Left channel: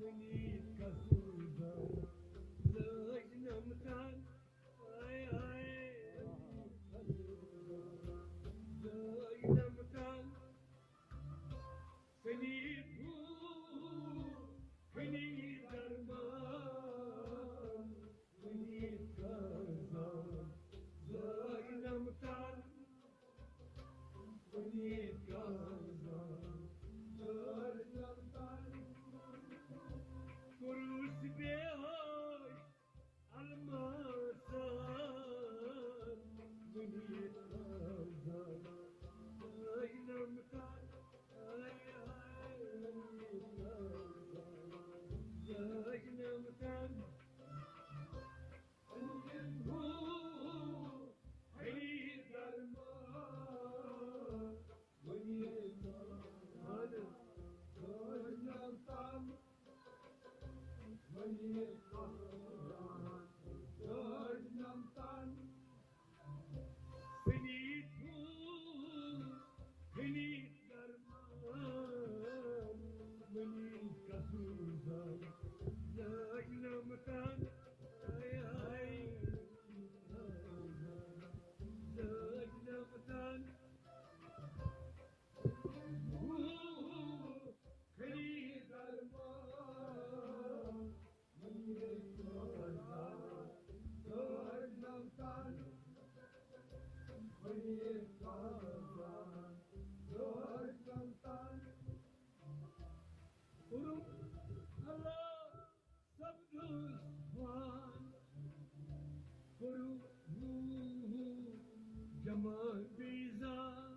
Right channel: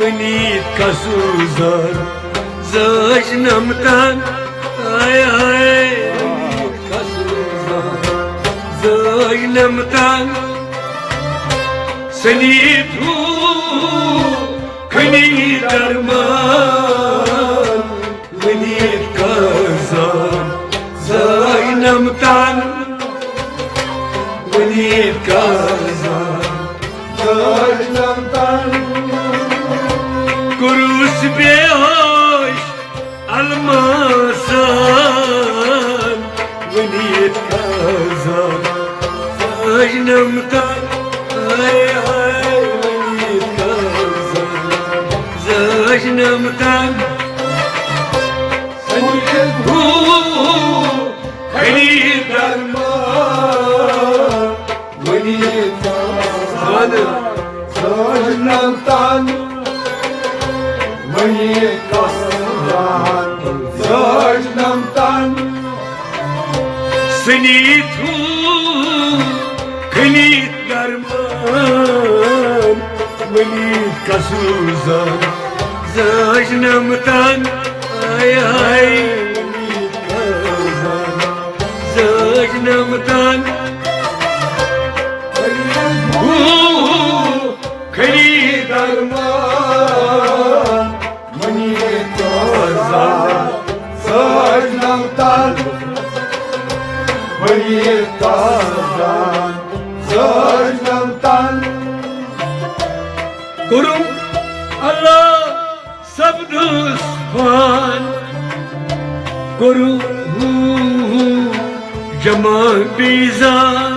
ونيت كسوزان زاج نمتان هاي هاي ونيت كسوزان زاج نمتان سنيت هو كني درمان ونيت كسوزان زاج نمتان ونيت كسوزان زاج نمتان كروس بيهوش الماسان ونيت كازان زاج نمتان هاي هاي ونيت كازان زاج نمتان سنيت هو خليل درمان ونيت كازان زاج نمتان ونيت كازان زاج نمتان سنيت هو خليل درمان ونيت كازان زاج نمتان هاي هاي ونيت كازان زاج نمتان هو خليل درمان ونيت كازان زاج نمتان ونيت كازان زاج نمتان كرم الله سبدوس فان كرم جمال بيزان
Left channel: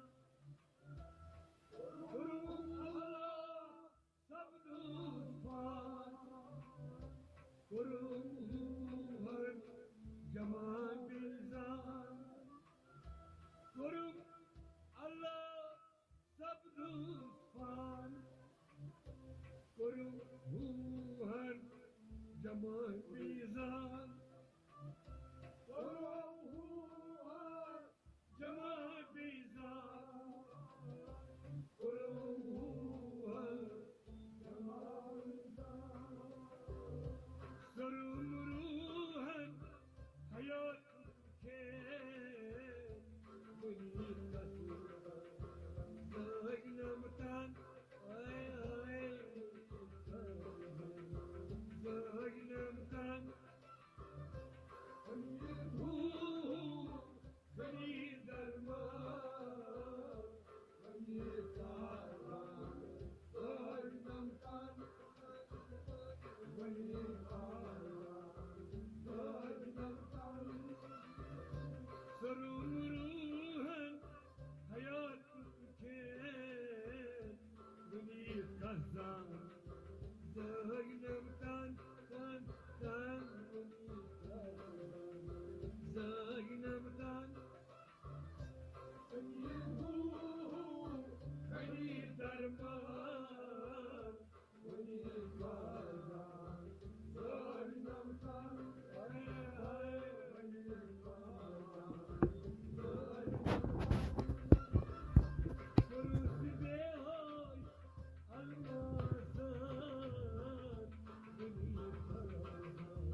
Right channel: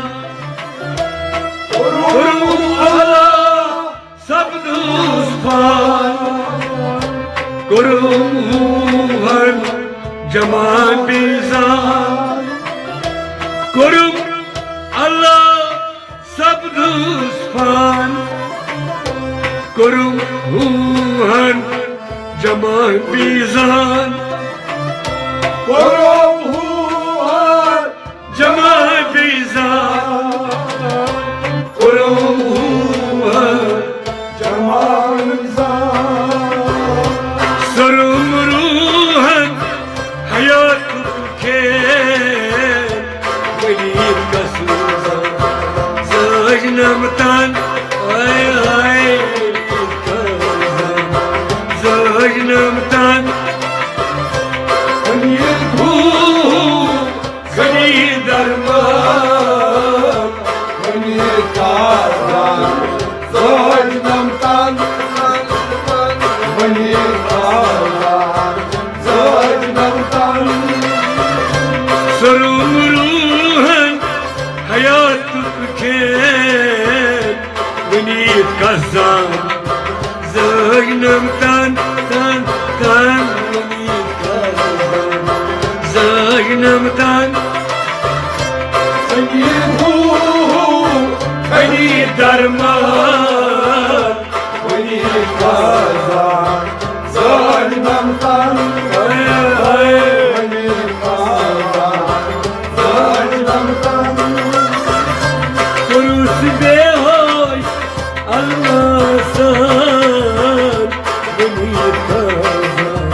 كرم الله سبدوس فان كرم جمال بيزان كرم الله سبدوس فان كرم جمال بيزان كرم جمال بيزان كرم جمال بيزان سرم روحا حياتك ونيت كسوزان زاج نمتان هاي هاي ونيت كازان زاج نمتان ونيت هو خليل درمان ونيت كازان زاج نمتان ونيت كازان زاج نمتان سرم روحا حياتك كان ونيت كازان زاج نمتان تان تان ونيت كازان زاج نمتان سنيت هو خليل درمان ونيت كازان زاج نمتان هاي هاي ونيت كازان زاج نمتان كروس بيهوش الماسان ونيت كازان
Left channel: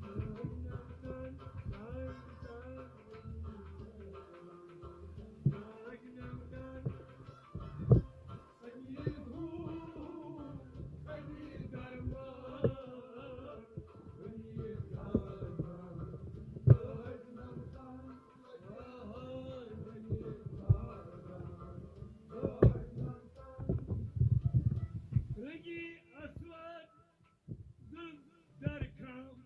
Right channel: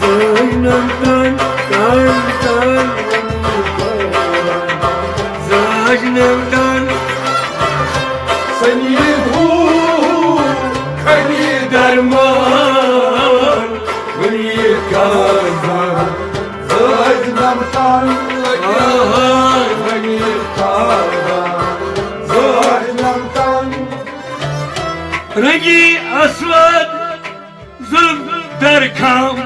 زاج نمتان تان تان ونيت كازان زاج نمتان سنيت هو خليل درمان ونيت كازان زاج نمتان ونيت كازان زاج نمتان رنگی اسود ظلم در کام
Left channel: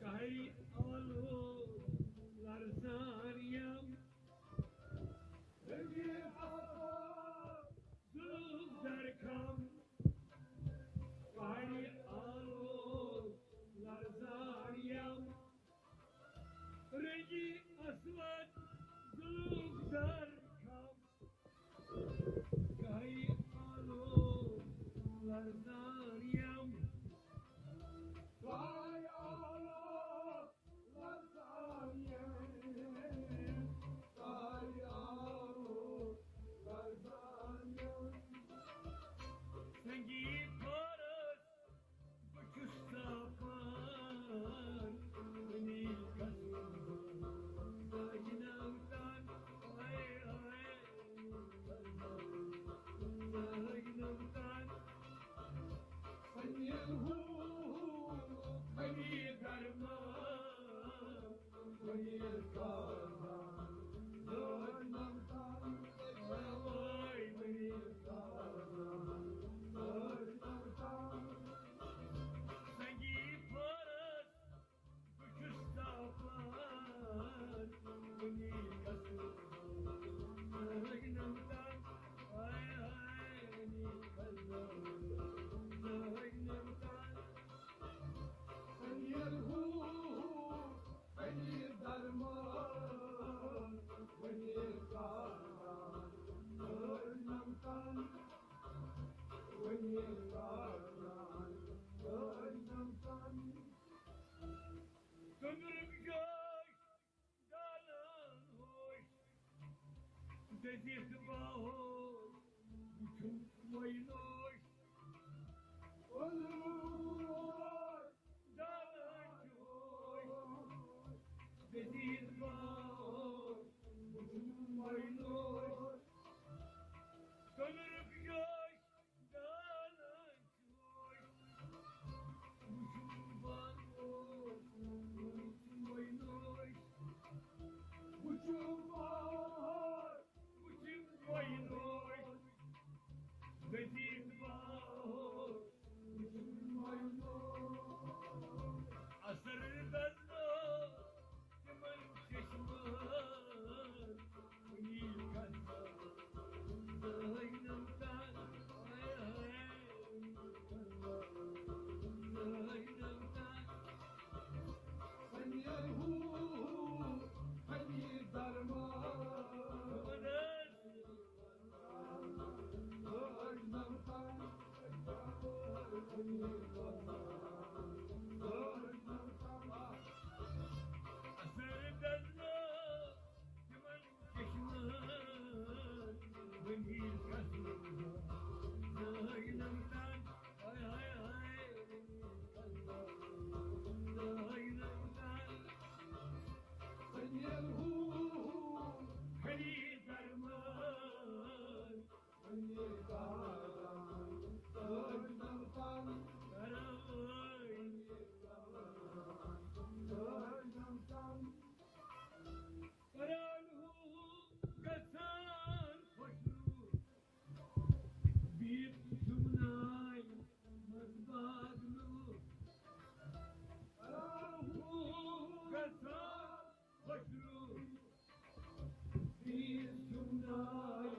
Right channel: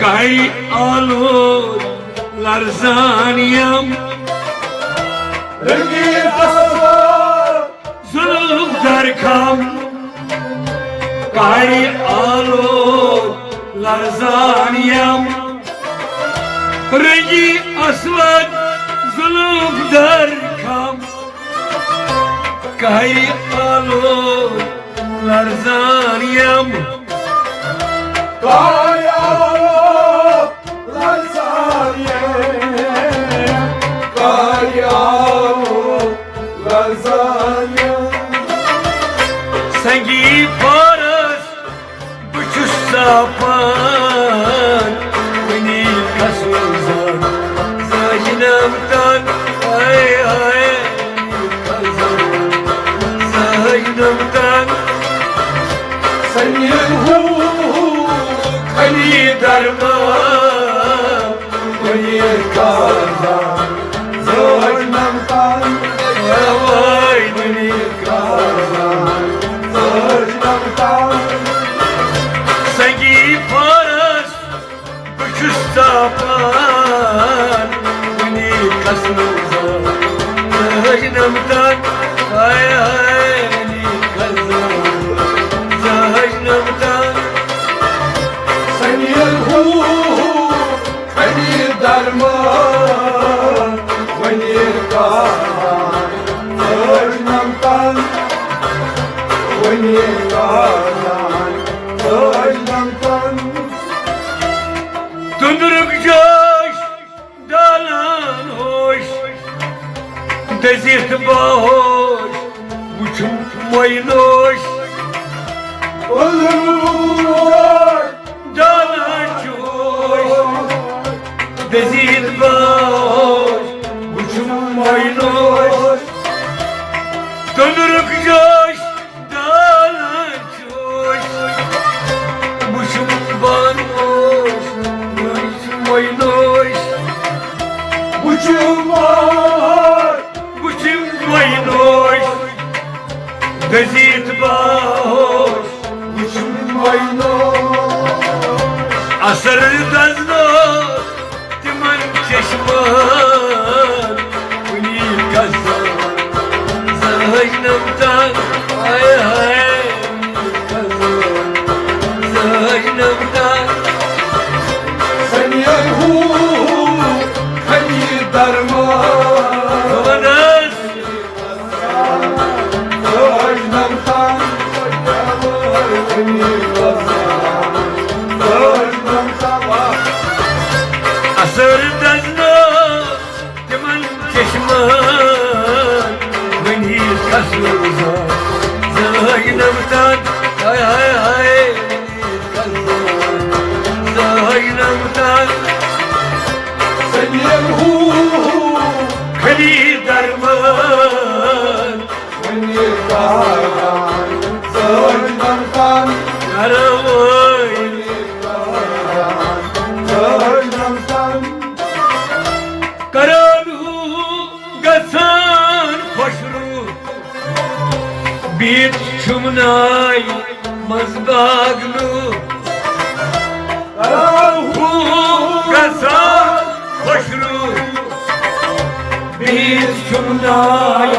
گاهی آلود لرزانیم رنگی اسود ظلم در کام گاهی آلود لرزانیم رنگی اسود ظلم در کام گاهی آلود لرزانیم گاهی آلود لرزانیم گاهی آلود لرزانیم سنگی پارس بچوش ساپان منی کسوزان زاینم تن ای ای زاینم تن Senin hu کلی درمان kani kazan Zaynam tan وای منی kazan Zaynam tan سنگی پارس بچوش ساپان منی کسوزان زاینم تن ای ای زاینم تن Senin hu kani darman Kani kazan Zaynam tan Kani kazan Zaynam tan Döndürük coş, dalan hoş, dezirt bahoş, uçum maynoş, Olur dalan coş, dezirt bahoş, uçum maynoş. Döndürük coş, dalan coş, uçum bahoş, uçum maynoş. Uçum var Uçum maynoş, dezirt bahoş, Uçum maynoş asır dazno, timan çeşman, unil kazan, zaynamdan, ay ay, kazan, zaynamdan, Senin hu kani darman kavanas, Zaynam tan Kani kazan Zaynam tan asır dazno, timan çeşman, unil kazan, zaynamdan, ay ay ay, kazan, zaynamdan. Senin hu Kali darman, kani kazan Zaynam tan yaravay, Zaynam tan karanı gasan koşru, bir çumnay mazbaglu, hu gasan koşru, bir çumnay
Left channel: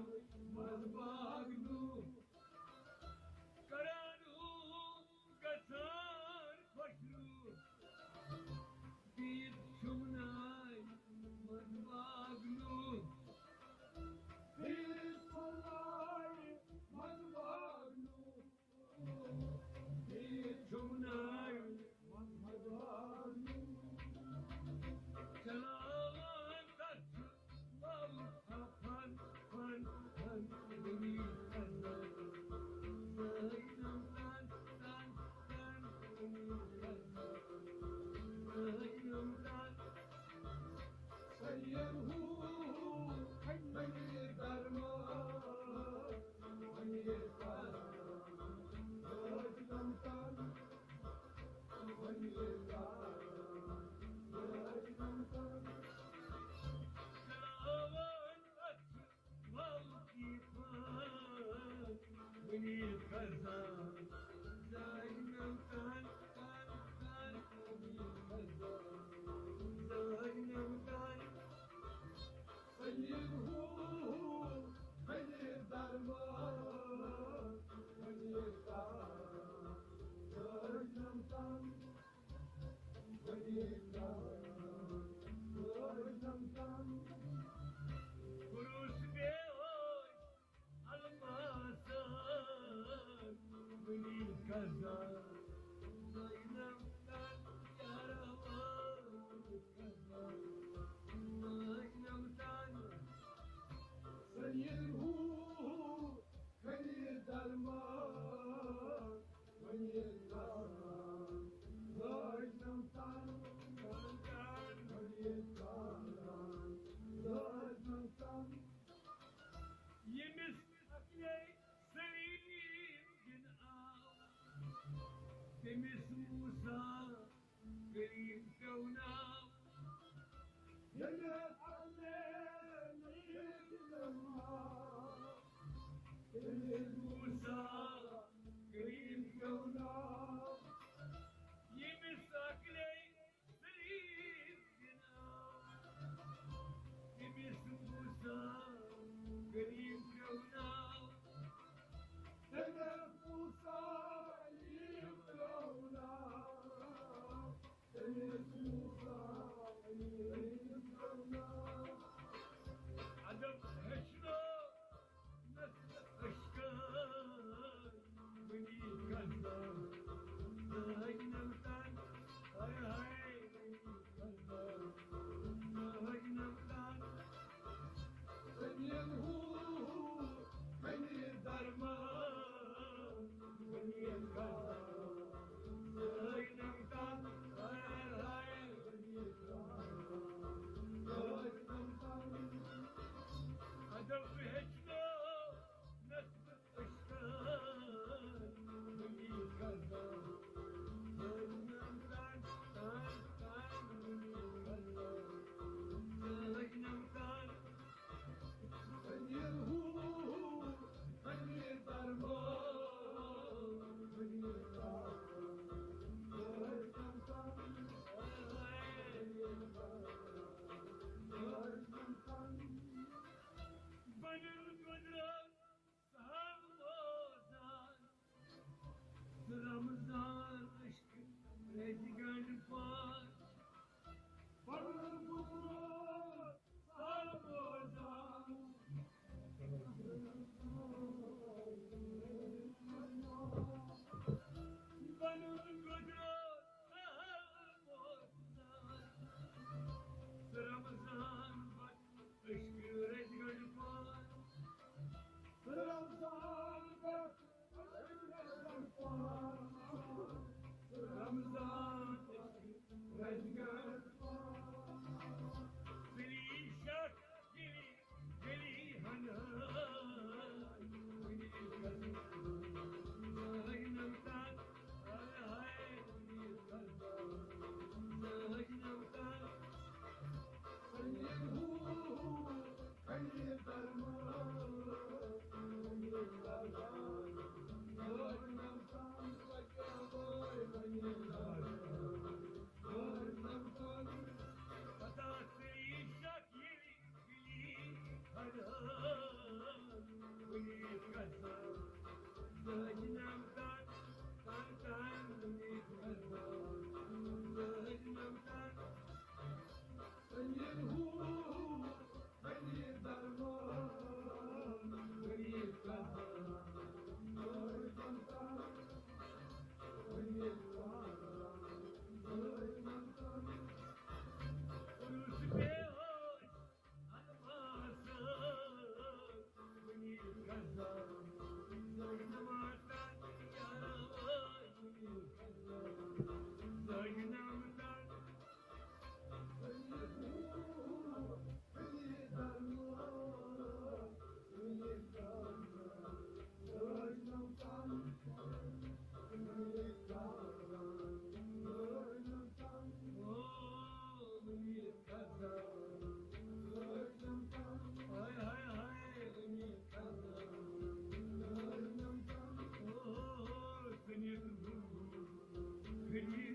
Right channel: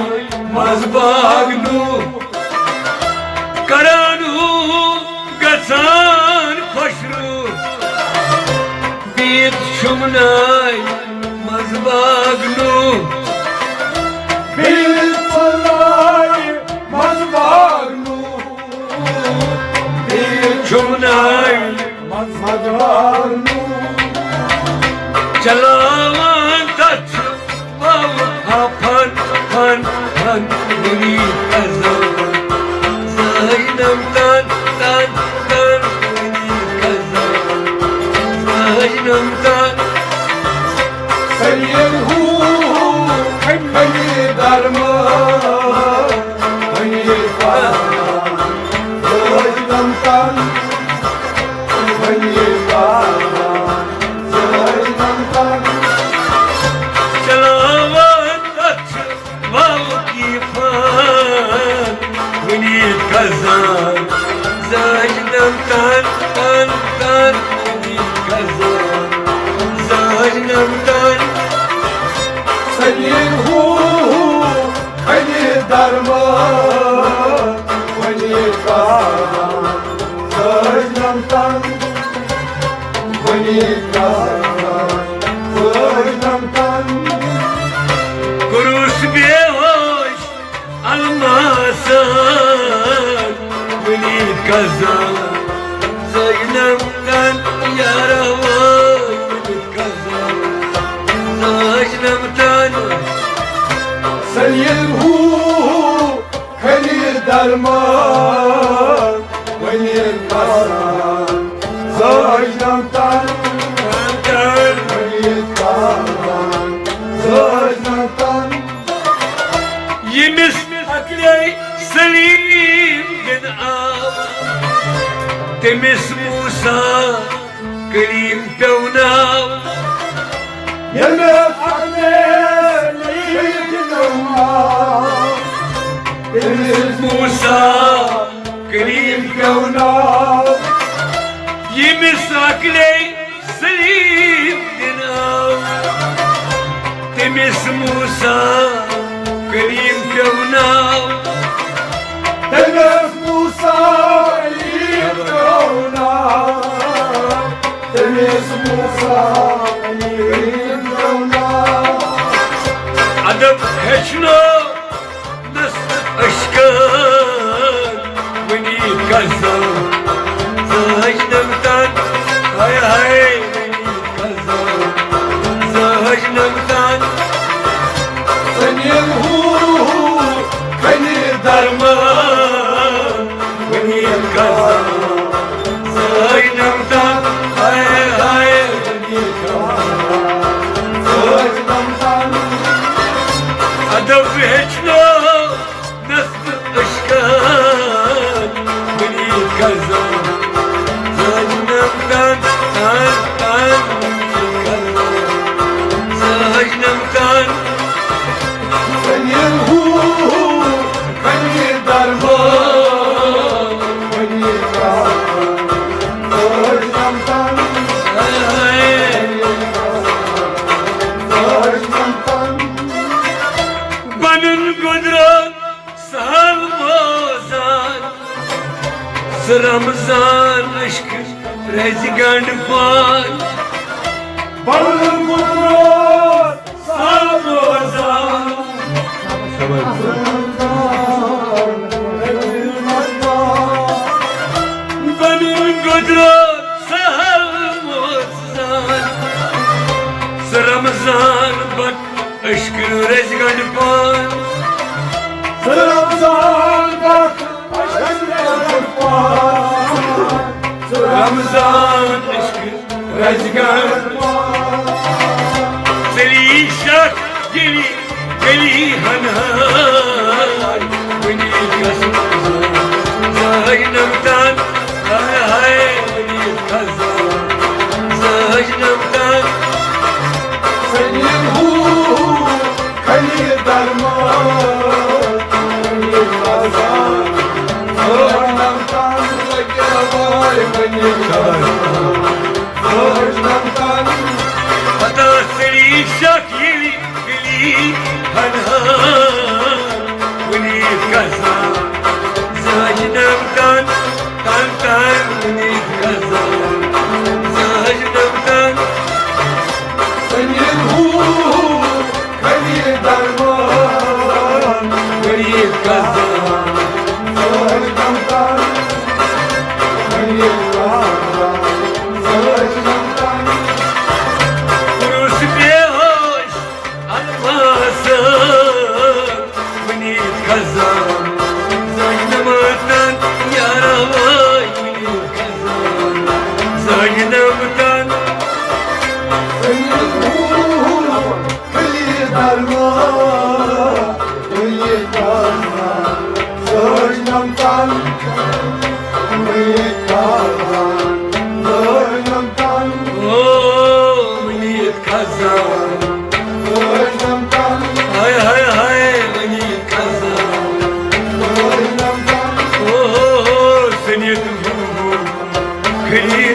mazbaglu, karanı gasan koşru, bir çumnay mazbaglu, Bir kolay mazbaglu Bir çumnay mazbaglu Çalavan taç bav hapan pan pan beni kazan Zaynamdan tan tan beni kazan Zaynamdan Senin hu kani darman Kani kazan Zaynam tan Kani kazan Zaynam tan Çalavan taç bav kipan beni kazan Zaynamdan tan tan beni kazan Zaynamdan Senin hu kani darman Kani kazan Zaynam tan Kani kazan Zaynam tan Kuruş bir hoş almasan beni kazan Zaynamdan yaravay beni kazan Zaynamdan Senin hu kani darman تمس موسى كريم تونا يمس عميل يتنوى تمس موسى كريم كونا يمس عقلي سليم دنا تمس موسى كريم كونا تمس موسى كونا تمس موسى كونا أدب هشنا نس أشكال وني كذا زهج نمتان هاي هاي وني كذا زهج نمتان سنين هو كني درمان وني كذا زهج نمتان هاي هاي وني كذا أدب هشنا نس أشكال وني كذا زهج نمتان هاي كذا زهج نمتان سنين هو كني درمان وني Benim kudret salmazan Sıramızdan aşkı rezigan fan Balım kudret Salmazan Benim kudret salmazan Sıramızdan bak aşkı rezigan fan Ramazan bak Ramazan aşkı rezigan Seli şak geli geli hanay Beni kasmazan Zaynamdan hay hay beni kazan Zaynamdan Senin hu kani darman Kani kazan Zorlamdan Vay beni kazan Zorlamdan Hatta seli şak geli geli hanay Beni kazan Zaynamdan tan tan beni kazan Zaynamdan Senin hu kani darman beni kazan Zorlamdan Kani kazan Zorlamdan Kurus behoş almasın beni kazan Zaynamdan yaravay beni kazan Zaynamdan Senin ruhun kıyı darman, kıyı darman, zorlamdan, kıyı darman, zorlamdan, o beni kazan zorlamdan, Hay hay hay beni kazan zorlamdan, O seni ruhum kıyı